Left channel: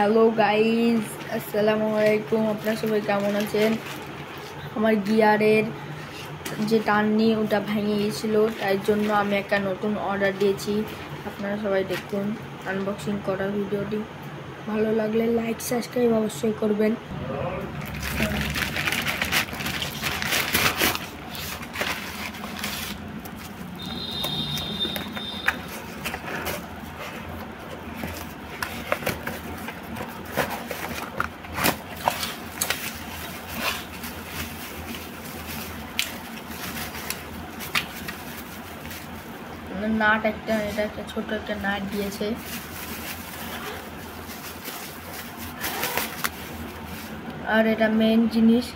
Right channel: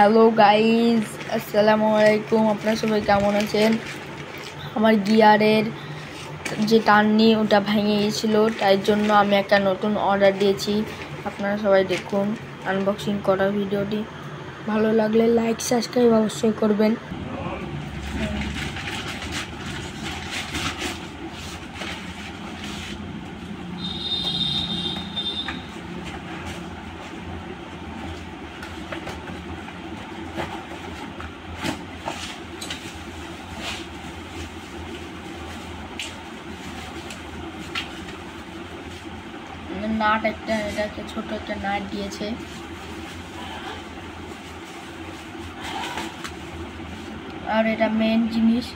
Hello guys, আসসালামু আলাইকুম। আপনারা সবাই কেমন আছেন? আমার গিয়ারের যে টার্নি ওটা ভেঙে গিয়েছিল, তাই জন্য আমি একটা নতুন অর্ডার দিয়েছি। আপনারা সবাই দেখুন আনবক্সিং করা ভিডিওটি। ভালো লাগলে লাইক সাবস্ক্রাইব অবশ্যই করবেন। নাট এটা একটা ছোট একটা নাট দিয়েছে। আর এটা মেন জিনিস,